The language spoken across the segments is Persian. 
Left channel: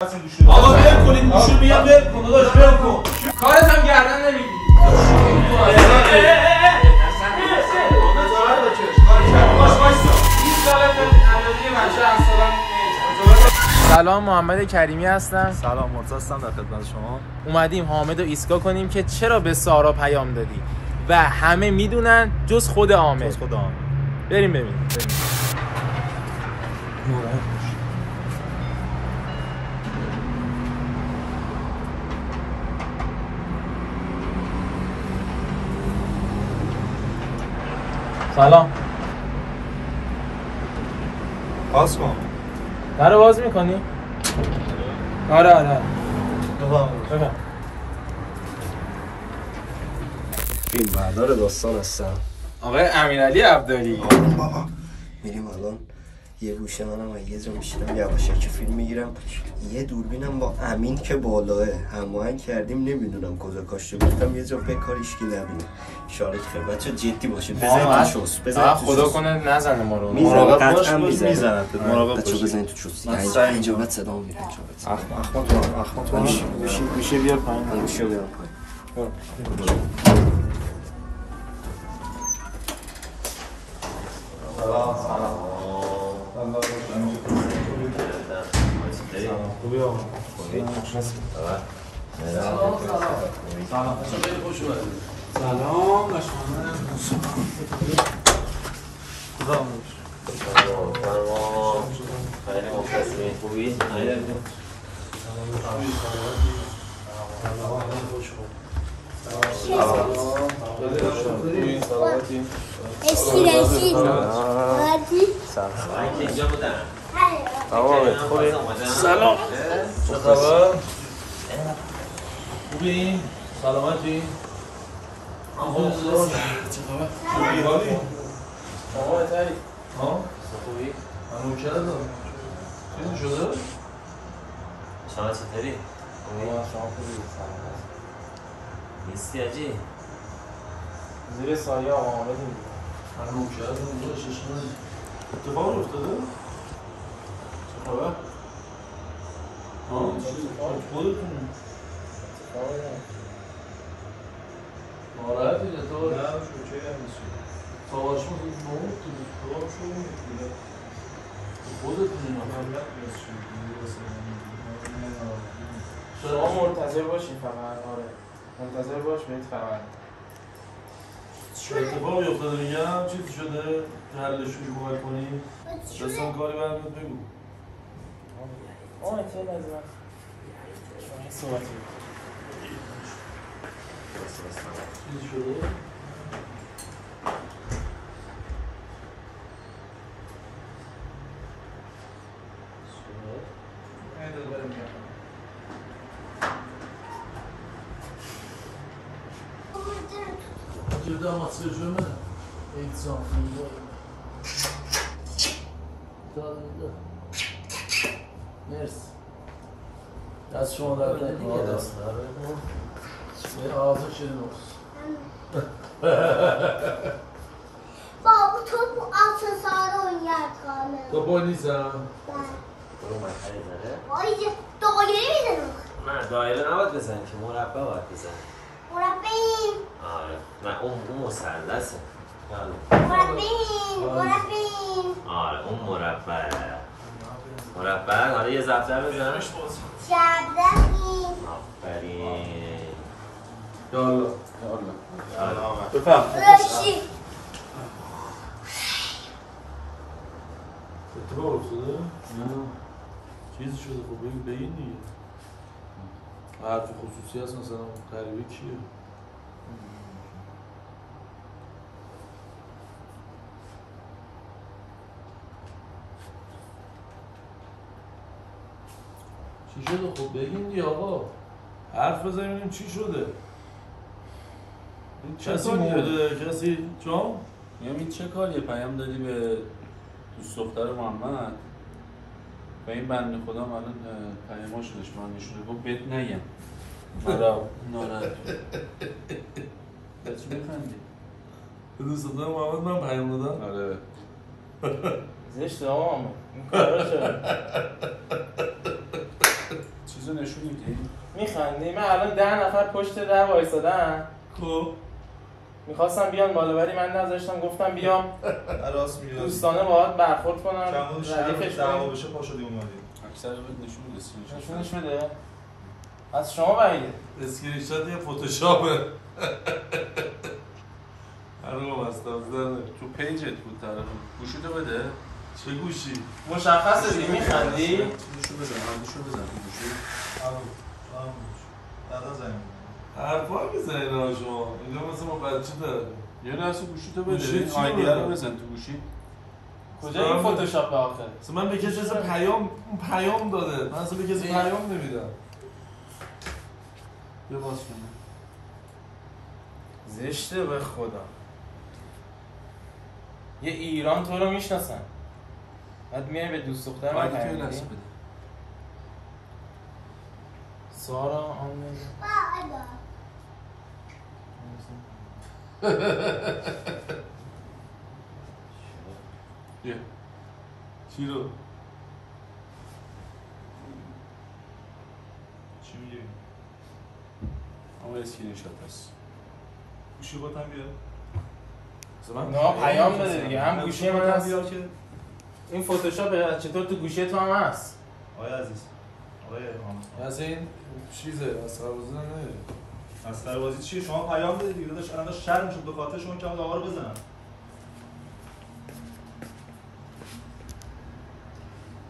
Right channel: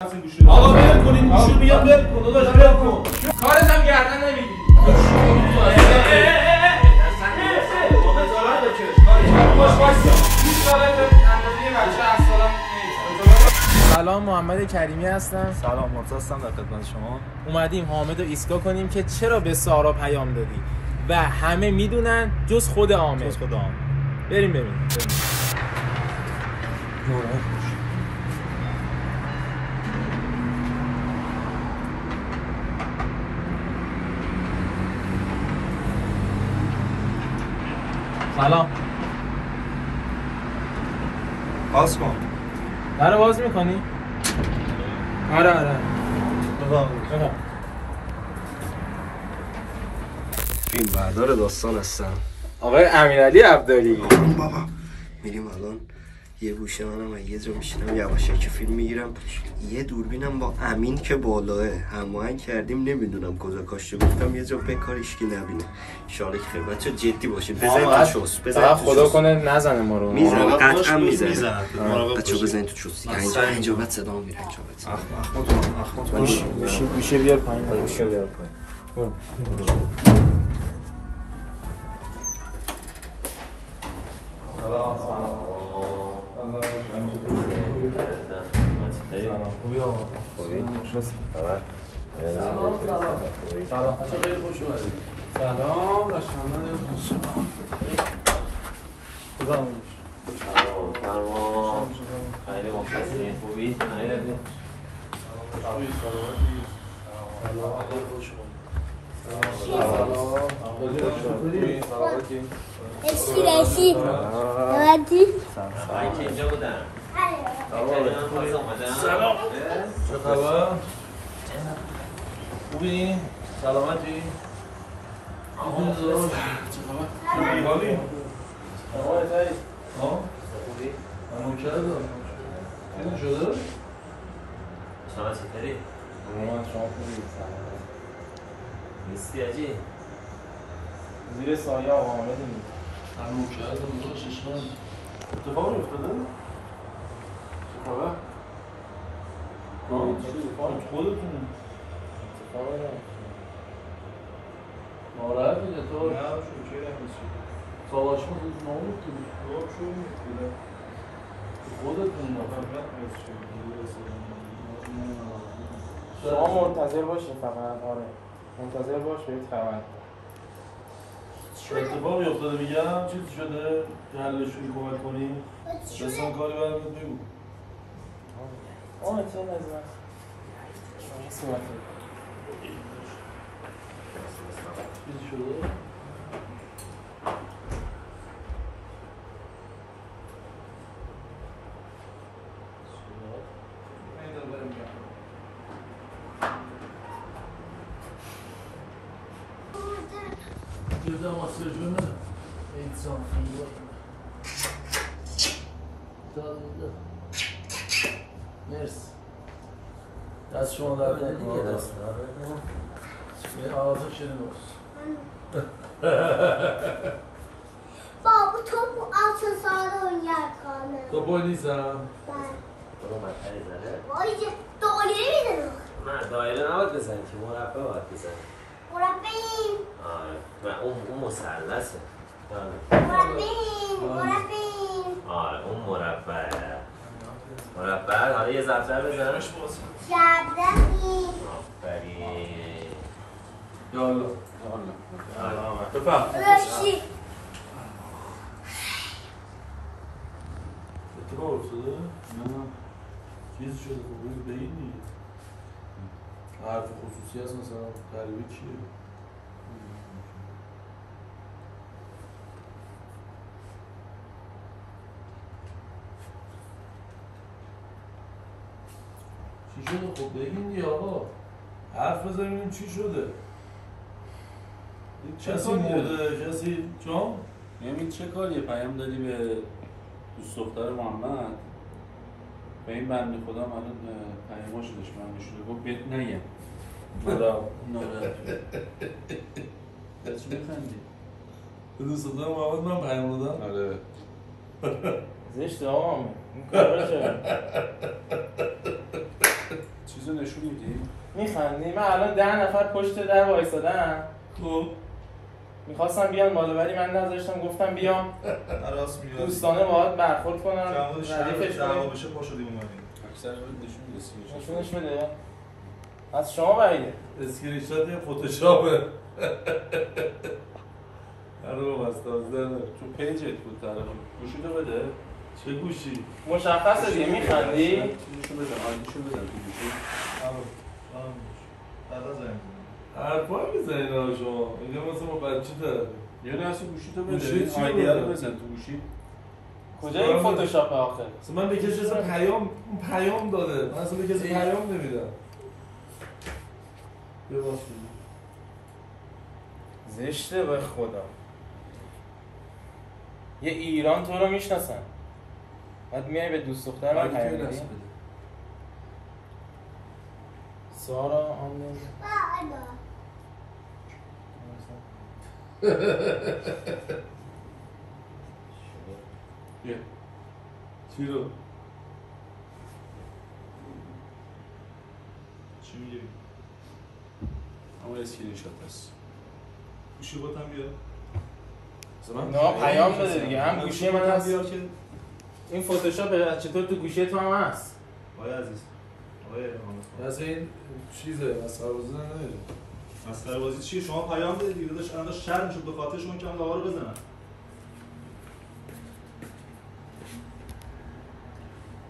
آقا ول کنین گوشو بیا ول کن داداش ول کن کارت هم گردن نمیگیری سلام، محمد کریمی هستم. سلام، مرتضی هستم در خدمت شما. اومدیم حامد رو ایستگاه کنیم که چرا به سارا پیام دادی و همه میدونن جز خود عامر. بریم ببینیم. سلام. باز کن. درو باز میکنی؟ آره. بفهم. فیلم بردار داستان هستم. آقای امیرعلی عبدالی. بابا میریم الان یه گوشه منم و یه جا میشینم یواشکی فیلم میگیرم. یه دوربینم با امین که بالاه هماهنگ کردیم، نمیدونم کجا کاشته، گفتم یه جا بکاریش که نبینه. انشالله که خیلی بچه جدی باشه. بزنید تو چوس. خدا کنه نزنه ما رو. میزنه قطعا میزنه. بچه بزنید تو چوس. اینجا بعد صدا میره. احمد میشه بیار پایین. میشه بیار پایین. خوبی آقا. سلام. خیلی خوش اومدید. سلام باشونه. خدا امروز. خیلی مخلصی. خوبی؟ اشتراکی اینجا بودم. سلام. چه خبر؟ خوبی؟ سلامتی؟ چه خبر؟ خوبی حالی؟ آقا تایی. ها؟ خوبی؟ همون چه دارم؟ چیزی شده؟ شما چطوری؟ شما خوبی؟ سلام. نیستی آجی؟ زیر سایه آقا آمدیم. همون چه دارم؟ چشمان اتفاق افتاده؟ چه خبر؟ خودتون ناراحته که تو نه شوکه نمیشه سواش ما که ما گفتیم خدا شو میگه خودتون شما منتظر باشین فقط. آره منتظر باش بهت خبر. چه اتفاقی افتاده میگم؟ چیزی شده؟ تو حلشون کمک کنی؟ دستان کاری برمت بگو چه نظر شما صحبت چیزی شده؟ جدا ماسکه جونه ایتسان مرسی دست شما در نکنه دست آزه شده بابا تو آسان سالون یاد کنم تو پلیسم؟ برو مطمئن زده؟ وای چه دایره میزنم نه دایره نباید بزنی که مربع باید بزنی. مربعیم آره نه اون مثلثه. مربعیم آره اون مربع حالا یه ضرب‌در بزن. شبدهیم آفرین. یالا بفهم. راشی اتفاق افتاده؟ نه چیزی شده خب بگین دیگه حرف خصوصی هست مثلا غریبه چیه؟ چی شده خب بگین دیگه آقا حرف بزنیم چی شده؟ کسی مرده؟ کسی چون؟ میگم چه کاریه پیام دادی به دوست دختر محمد و این بنده خدا الان پیاماشو داشت من نشونه گفت بهت نگم ناراحت چی بخندی؟ به دوست دختر محمد من پیام دادم؟ آره زشته آقا این کارا چرا؟ چیزو نشون میدی؟ میخندی؟ من الان 10 نفر پشت در وایسادن خب میخواستم بیان بالا ولی من نذاشتم، گفتم بیام راست میگی دوستانه باهات برخورد کنم ردیفش ردیفش دعوا کنم. بشه پا شدی اومدی اکثر نشون میده سیریش. نشونش بده از شما بعیده. اسکرین شات یه فتوشاپه. هرو مستافزنه. تو پیجت بود طرف. گوشیتو بده. چه گوشی؟ مشخصه دیگه میخندی؟ نشون بزن. نشون بزن تو گوشی. بعدا زنگ حرفا میزنین ها شما. اینجا مثل ما بچه داره. یه لحظه گوشیتو گوشی بده. چی آیدیه رو بده؟ بزن تو گوشی. کجا این فتوشاپ آخر؟ اصلا من به کسی پیام داده. من اصلا به کسی پیام نمیدم. بیا باز کنم. زشته به خدا. یه ایران تو رو میشناسن. بعد میای به دوست دختر من آیدی تو پیام یه لحظه میدی؟ بده. سارا آنلاین. بیا. چی رو؟ چی میگی؟ اما اسکرین شات هست. گوشی باتم بیار نه پیام بده دیگه، هم گوشی من هست. بیار که این فتوشاپ چطور تو گوشی تو هم هست؟ آیا عزیز آیا آموز مثلا این چیزه از سربازی نمیدونی. از سربازی چیه؟ شما پیام بده دیگه داداش. الان شرم شد به خاطر شما که من آقا رو بزنم.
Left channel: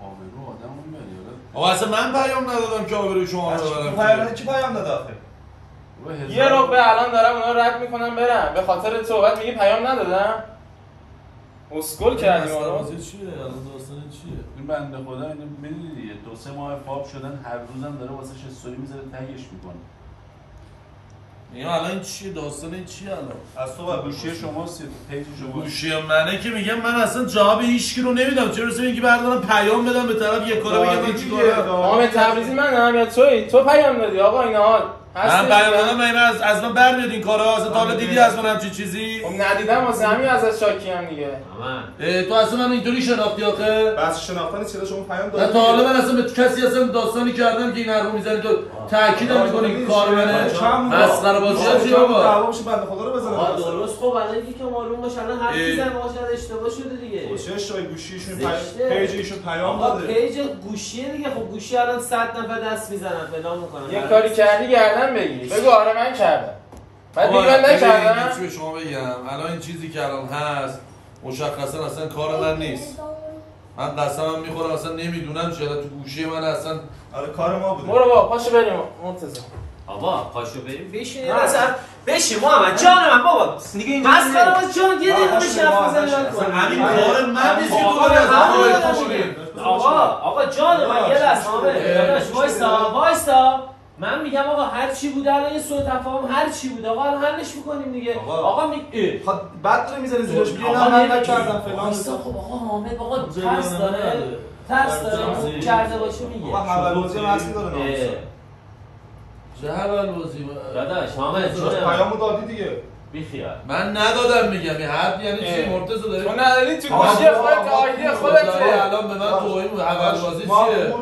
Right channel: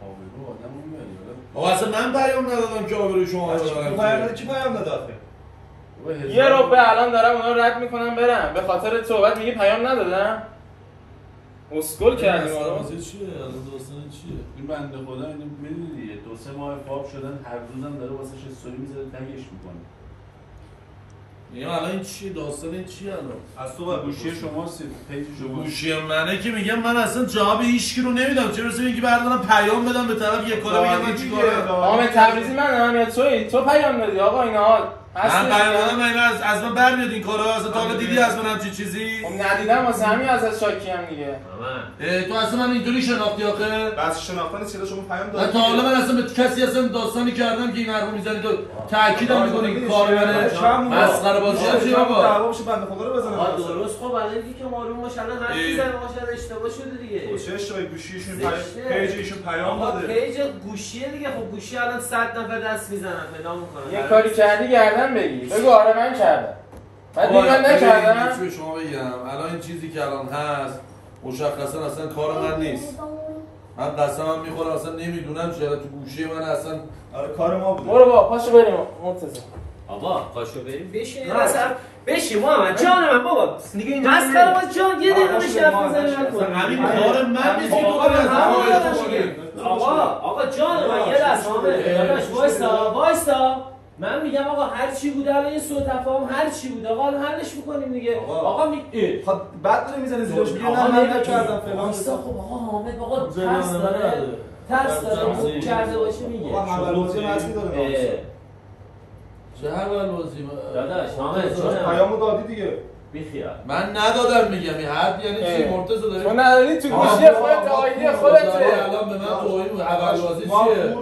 آبرو آدمو میبری حالا. آقا اصلا من پیام ندادم که آبروی شما رو تو ببرم. پیام دادی کی پیام داد آخه؟ یه رو به الان دارم اونا رو رد میکنم برم به خاطر تو، بعد میگی پیام ندادم. اسکل کردی ما رو. سربازی چیه؟ الان داستان چیه؟ این بنده خدا اینو میدونی دیگه 2-3 ماه پاپ شدن هر روزم داره واسه استوری میذاره تگش میکنه. این الان این چیه؟ داستان این چیه الان؟ از تو باید گوشی شما پیج شما. گوشی منه که میگم من اصلا جواب هیچکی رو نمیدم. چرا مثلا میگی بردارم پیام بدم به طرف یه کارا بگم من چیکار حامد تبریزی من هم یا تو پیام دادی آقا اینا من پیام دادم من از من برمیاد این کارا. اصلا تا حالا دیدی از من همچین چیزی؟ خب ندیدم واسه همین ازت شاکی هم دیگه. تو اصلا من اینطوری شناختی آخه؟ بس شناختن چرا شما پیام نه دادی؟ تا حالا من اصلا به کسی اصلا داستانی کردم که این حرفو میزنی تو تاکیدم میکنی کار منه. مسخره بازیاتی بابا. دعوا بشه بنده خدا رو بزنه. آقا درست خب الان دیگه که معلوم باشه الان هر کی زنگ باشه اشتباه شده دیگه. چه اشتباهی گوشیشون زشته. پیج ایشون پیام آقا داده. پیج گوشیه دیگه. خب گوشی الان 100 نفر دست میزنن فلان میکنن. یه کاری کردی گردن بگی بگو آره من کردم. بعد دیگه من نکردم. چی به شما بگم الان این چیزی که الان هست مشخصا اصلا کار من نیست. من قسمم میخورم اصلا نمیدونم چرا تو گوشی من اصلا. آره کار ما بود. برو بابا پاشو بریم مرتضی. آقا پاشو بریم بشین اصلا بشین محمد جان من بابا دیگه این بس کارم جان یه دقیقه بشین حرف بزنیم همین کار من نیست که تو داری از آقا جان من یه لحظه داداش وایسا من میگم آقا هر چی بوده الان یه سوء تفاهم هر چی بوده آقا الان حلش میکنیم دیگه. آقا بعد داره میزنه زیرش میگه آقا من نکردم فلان. وایسا خب آقا حامد آقا ترس داره کرده باشه میگه. آقا حوالوزی اصلی داره. چه حوالوزی داداش حامد پیامو دادی دیگه. بیخیال من ندادم میگم این حرف یعنی چی مرتضی داری؟ تو نداری تو گوشی خودت آیدی خودته. الان به من توهین حوالوزی چیه؟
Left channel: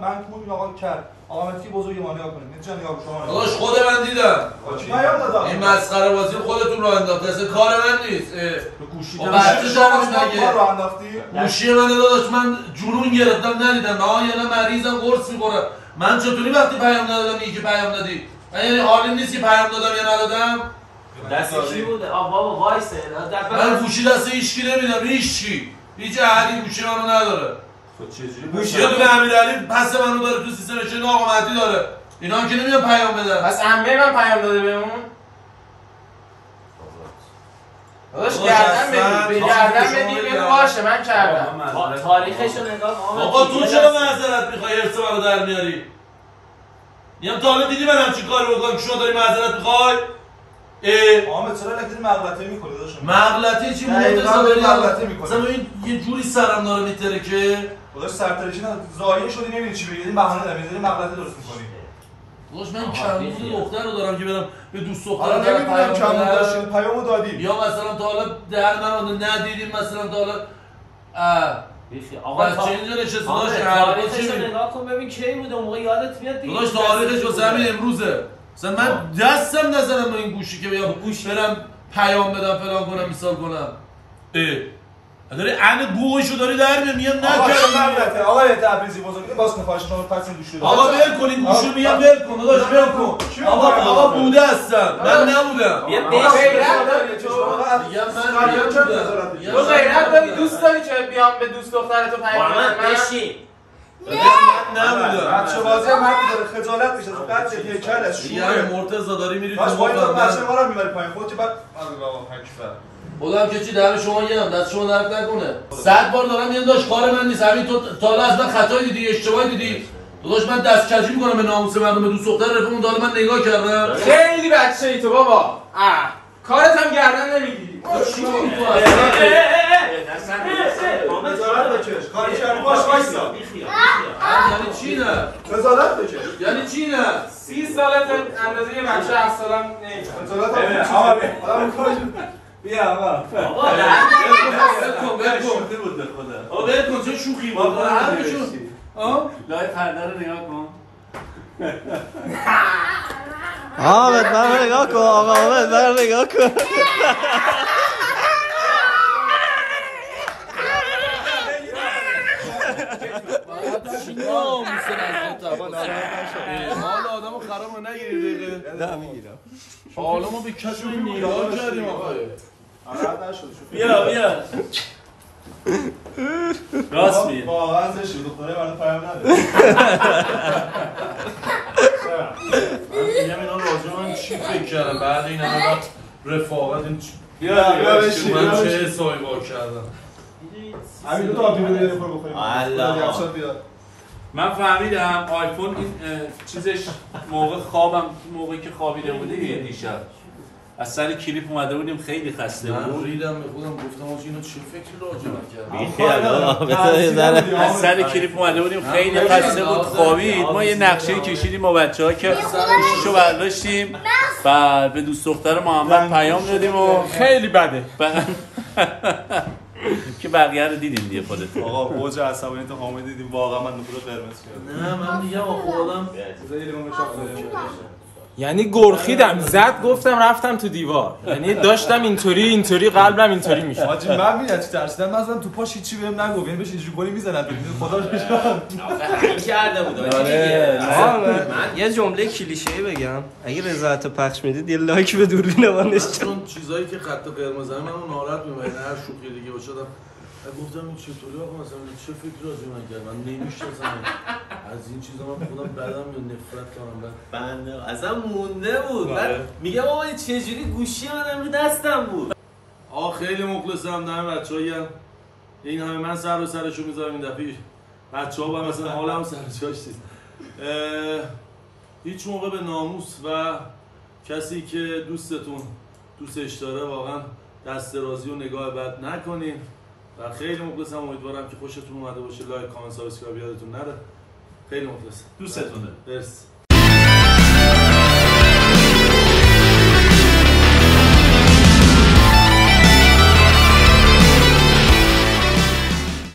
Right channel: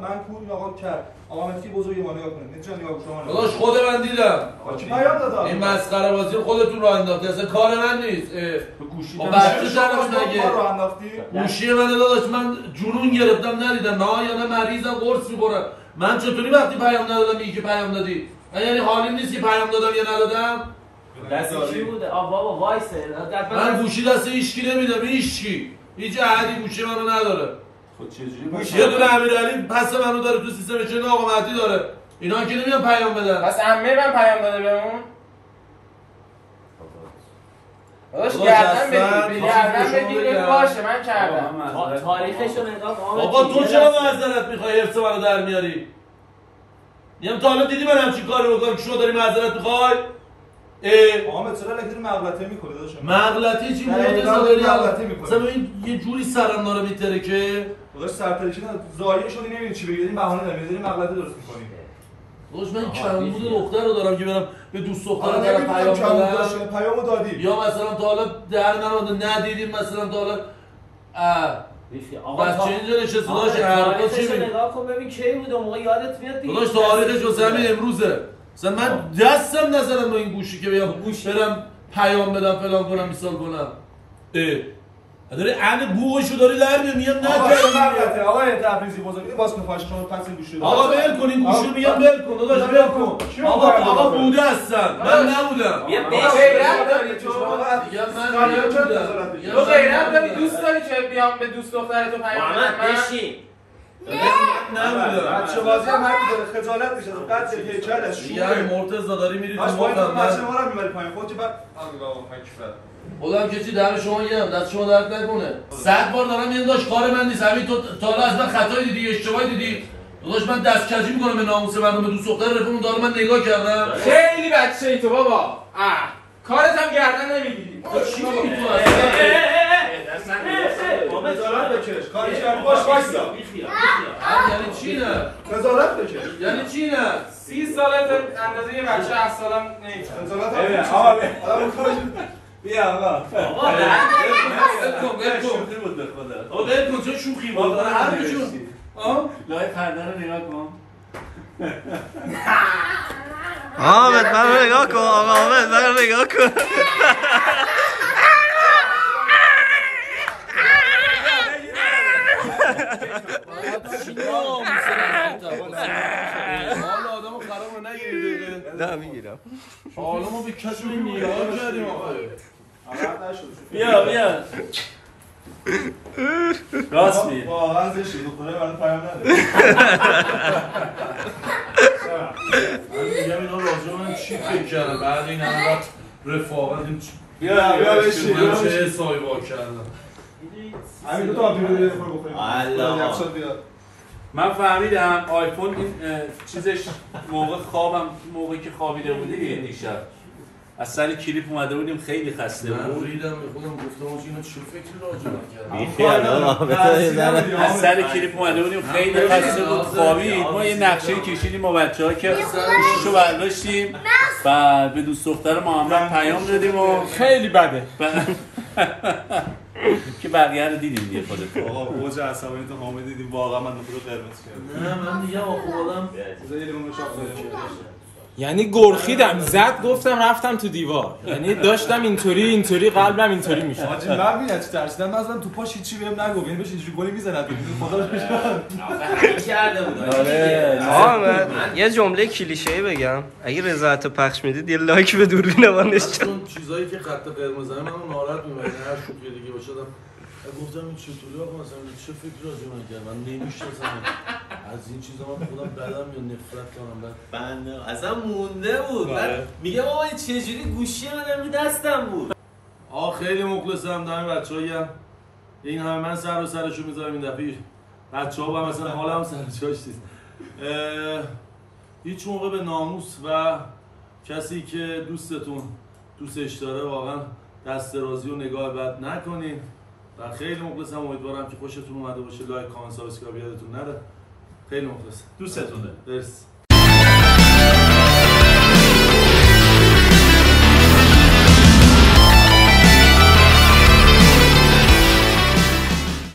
من پول آقا کرد. آقا متی بزرگ ما نگاه کنید. چه نگاه شما داداش خود من دیدم. پیام دادم. این مسخره بازی خودتون راه انداخته اصلا کار من نیست. تو گوشی بچه شما مگه رو انداختی؟ گوشی من داداش من جنون گرفتم ندیدم. نه یعنی مریضم قرص میخورم. من چطوری وقتی پیام ندادم میگی که پیام دادی؟ یعنی حالی نیست که پیام دادم یا ندادم؟ دست کی بوده؟ بابا وایسه من گوشی دست هیچکی نمیدم. هیچ احدی گوشی منو نداره. خود چجوری یه دونه امیرعلی پس منو داره تو سیستمش نه آقا مهدی داره. اینا که نمیان پیام بدن. پس عمه من پیام داده بهمون. داداش گردن بگیر باشه من کردم. تاریخش رو نگاه آقا تو چرا معذرت میخوای ارث منو در میاری؟ میگم تا حالا دیدی من همچین کاری بکنم که شما داری معذرت میخوای؟ حامد چرا لگی مغلطه میکنی داداش؟ مغلطه چی مغلطه میکنی؟ مثلا یه جوری سرم داره میتره که داداش سرترکی نه زایه شدی نمیدونی چی بگی. این بهانه داری میذاری مغلطه درست میکنی. داداش من کمبود دختر رو دارم که برم به دوست دختر حالا دارم نمیدونم پیام داشتی بدم. پیامو دادی. یا مثلا تا حالا در من ندیدیم مثلا تا حالا بچه اینجا نشسته داشت حرفا چی میگه؟ نگاه کن ببین کی بوده موقع یادت میاد دیگه. داداش تاریخش واسه همین امروزه. مثلا من دستم نزدم به این گوشی که بیام برم پیام بدم فلان کنم مثال کنم. داری عین بوغشو داری در میاد میگم نه آقای تبریزی بزرگ باز کنه شما پس این گوشی آقا ول کن این گوشو میگم ول کن داداش ول کن. آقا بوده هستم من نبودم. یه غیرت داری تو. میگم من نبودم. تو غیرت داری دوست داری که بیام به دوست دخترتو پیام بدم؟ بشین. نبودم. بچه بازی من داره خجالت میشه تو قد یه کلش یه مرتضی داری میری تو باز باید مقام بچه ما رو میبری پایین خودت بعد خودم که چی در شما گم دست شما درد نکنه 100 بار دارم میگم داش کار من نیست همین تو تا از من خطایی دیدی اشتباهی دیدی داداش من دست کجی میکنم به ناموس مردم به دوست دختر رفیقم داره من نگاه کردم خیلی بچه‌ای تو بابا. کارت هم گردن نمیگیری. چی میگی تو نظارت بکش کاری کردی باش وایسا یعنی چی نه نظارت بکش یعنی چی نه 30 ساله تو اندازه یه بچه 7 سالم نمیشه. نظارت بکش آقا بیا آقا ول کن چه شوخی بود حرفشون لای پرده رو نگاه کن. حامد من نگاه کن آقا حامد من نگاه کن حالا آدمو خرابو نگیری دیگه نه میگیرم حالا ما به کسی نگاه کردیم آقا بیا راست میگه. واقعا زشته دختره برای پیام نده من میگم اینا راجع من چی فکر کردم بعد این همه وقت رفاقت این بیا بشین من چه حسابی با کردم همین دو تا آبی رو یه خور بخوریم الله من فهمیدم آیفون این چیزش موقع خوابم موقعی که خوابیده بودی دیشب از سر کلیپ اومده بودیم خیلی خسته من بود. ریدم به خودم گفتم اینا چه فکری راجع کردم از سر کلیپ اومده بودیم خیلی خسته بود خوابید. ما یه نقشه کشیدیم با بچه‌ها که گوشیشو برداشتیم و به دوست دختر محمد پیام دادیم و خیلی بده. که بقیه رو دیدیم دیگه خودت. آقا اوج عصبانیت حامد دیدیم واقعا من نفرت قرمز کردم نه من میگم خودم یعنی گرخیدم زد گفتم رفتم تو دیوار. یعنی داشتم اینطوری قلبم اینطوری میشه. حاجی من میاد چی ترسیدم مثلا تو پاش هیچی بهم نگفت یعنی بهش اینجوری گلی میزنن خدا رو این کرده بود. آره یه جمله کلیشه‌ای بگم اگه رضایت پخش میدید یه لایک به دوربین وانش چون چیزایی که خط قرمز منو ناراحت می‌کنه هر شوخی دیگه باشه گفتم این چطوری آقا مثلا چه فکر راجع من کرد من نمی‌شناسم از این چیزا من خودم بدم یا نفرت کنم بنده اصلا مونده بود. بعد میگم آقا چجوری گوشی من رو دستم بود. خیلی مخلصم دارم بچه‌هایم این همه من سر و سرشو میذارم این دفعه بچه‌ها با مثلا حالم سر جاش نیست هیچ موقع به ناموس و کسی که دوستش داره واقعا دست درازی و نگاه بد نکنین و خیلی مخلصم امیدوارم که خوشتون اومده باشه لایک کامنت سابسکرایب یادتون نره خیلی مخلصم دوستتونه. مرسی